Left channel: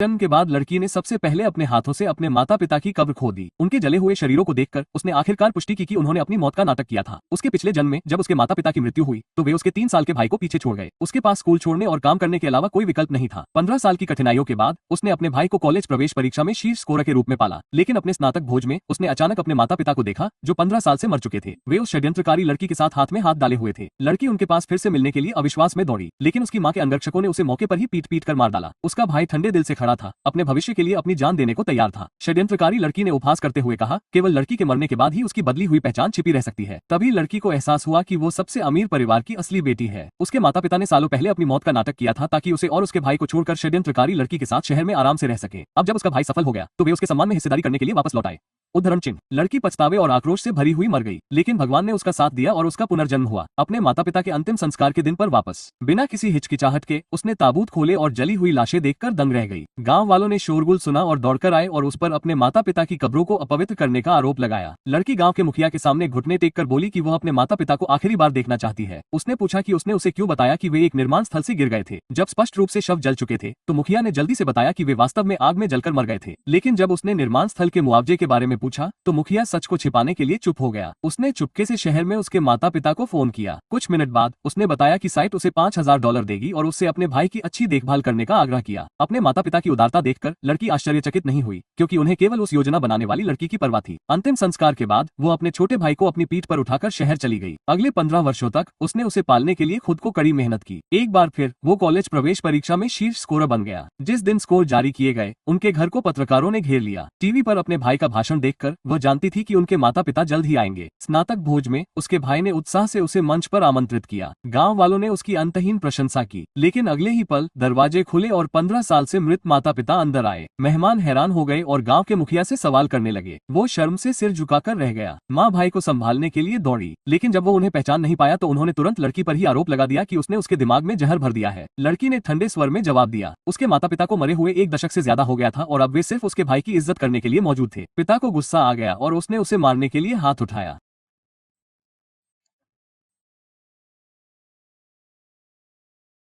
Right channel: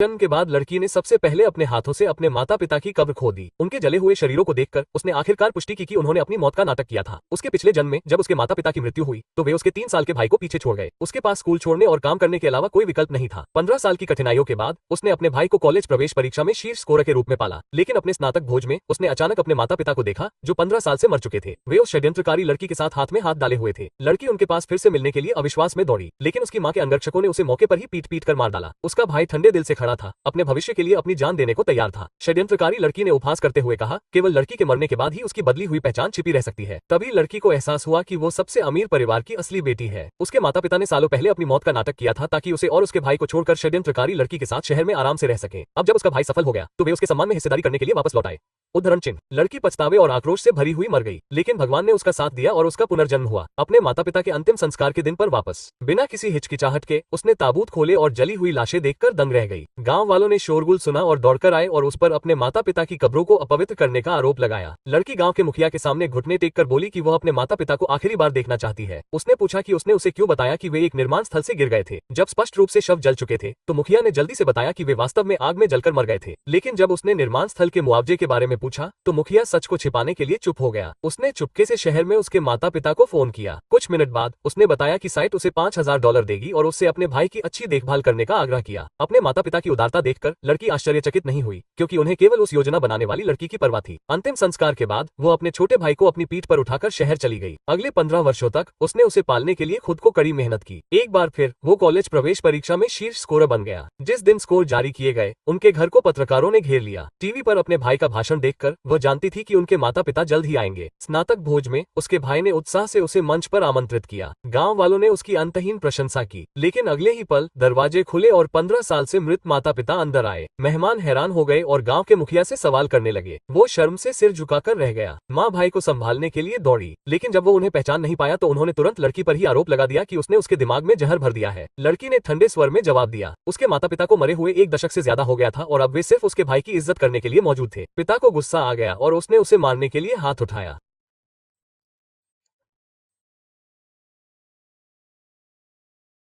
जन्म के बाद लड़की ने सबसे पहले अपने हाथों से अपने माता पिता की कब्र खोद दी। उनके जले हुए शरीरों को देखकर उसने आखिरकार पुष्टि की कि उन्होंने अपनी मौत का नाटक किया था। उसके पिछले जन्म में जब उसके माता पिता की मृत्यु हुई तो वे उसके 3 साल के भाई को पीछे छोड़ गए। उसके पास स्कूल छोड़ने और काम करने के अलावा कोई विकल्प नहीं था। 15 साल की कठिनाइयों के बाद उसने अपने भाई को कॉलेज प्रवेश परीक्षा में शीर्ष स्कोर के रूप में पाला, लेकिन अपने स्नातक भोज में उसने अचानक अपने माता पिता को देखा जो 15 साल से मर चुके थे। वे उस षड्यंत्रकारी लड़की के साथ हाथ में हाथ डाले हुए थे। लड़की उनके पास फिर से मिलने के लिए अविश्वास में दौड़ी, लेकिन उसकी मां के अंगरक्षकों ने उसे मौके पर ही पीट पीट कर मार डाला। उसका भाई ठंडे दिल से खड़ा था, अपने भविष्य के लिए अपनी जान देने को तैयार था। षड्यंत्रकारी लड़की ने उपहास करते हुए कहा, केवल लड़की के मरने के बाद ही उसकी बदली हुई पहचान छिपी रह सकती है। तभी लड़की को एहसास हुआ कि वो सबसे अमीर परिवार की असली बेटी है। उसके माता पिता ने सालों पहले अपनी मौत का नाटक किया था ताकि उसे और उसके भाई को छोड़कर षड्यंत्रकारी लड़की के साथ शहर में आराम से रह सके। अब जब उसका भाई सफल हो गया तो वे उसके सम्मान में हिस्सेदारी करने के लिए वापस लौट आए। उद्धरण चिन्ह। लड़की पछतावे और आक्रोश से भरी हुई मर गई, लेकिन भगवान ने उसका साथ दिया और उसका पुनर्जन्म हुआ। अपने माता पिता के अंतिम संस्कार के दिन पर वापस बिना किसी हिचकिचाहट के उसने ताबूत खोले और जली हुई लाशें देखकर दंग रह गई। गांव वालों ने शोरगुल सुना और दौड़कर आए और उस पर अपने माता पिता की कब्रों को अपवित्र करने का आरोप लगाया। लड़की गांव के मुखिया के सामने घुटने टेक कर बोली कि वह अपने माता पिता को आखिरी बार देखना चाहती है। उसने पूछा कि उसने उसे क्यों बताया कि वे एक निर्माण स्थल से गिर गए थे। जब स्पष्ट रूप से शव जल चुके थे तो मुखिया ने जल्दी से बताया कि वे वास्तव में आग में जलकर मर गए थे। लेकिन जब उसने निर्माण स्थल के मुआवजे के बारे में पूछा तो मुखिया सच को छिपाने के लिए चुप हो गया। उसने चुपके से शहर में उसके माता पिता को फोन किया। कुछ मिनट बाद उसने बताया कि साइट उसे $5000 देगी और उससे अपने भाई की अच्छी देखभाल करने का आग्रह किया। अपने माता पिता की उदारता देखकर लड़की आश्चर्यचकित नहीं हुई, क्योंकि उन्हें केवल उस योजना बनाने वाली लड़की की परवाह थी। अंतिम संस्कार के बाद वो अपने छोटे भाई को अपनी पीठ पर उठाकर शहर चली गई। अगले 15 वर्षों तक उसने उसे पालने के लिए खुद को कड़ी मेहनत की। एक बार फिर वो कॉलेज प्रवेश परीक्षा में शीर्ष स्कोरर बन गया। जिस दिन स्कोर जारी किए गए उनके घर को पत्रकारों ने घेर लिया। टीवी पर अपने भाई का भाषण देखकर वह जानती थी कि उनके माता पिता जल्द ही आएंगे। स्नातक भोज में उसके भाई ने उत्साह से उसे मंच पर आमंत्रित किया। गांव वालों ने उसकी अंतहीन प्रशंसा की, लेकिन अगले ही पल दरवाजे खुले और 15 साल से मृत माता पिता अंदर आए। मेहमान हैरान हो गए और गांव के मुखिया से सवाल करने लगे। वो शर्म से सिर झुकाकर रह गया। माँ भाई को संभालने के लिए दौड़ी, लेकिन जब वो उन्हें पहचान नहीं पाया तो उन्होंने तुरंत लड़की पर ही आरोप लगा दिया कि उसने उसके दिमाग में जहर भर दिया है। लड़की ने ठंडे स्वर में जवाब दिया, उसके माता पिता को मरे हुए 1 दशक से ज्यादा हो गया था और अब वे सिर्फ उसके भाई की इज्जत करने के लिए मौजूद थे। पिता को गुस्सा आ गया और उसने उसे मारने के लिए हाथ उठाया।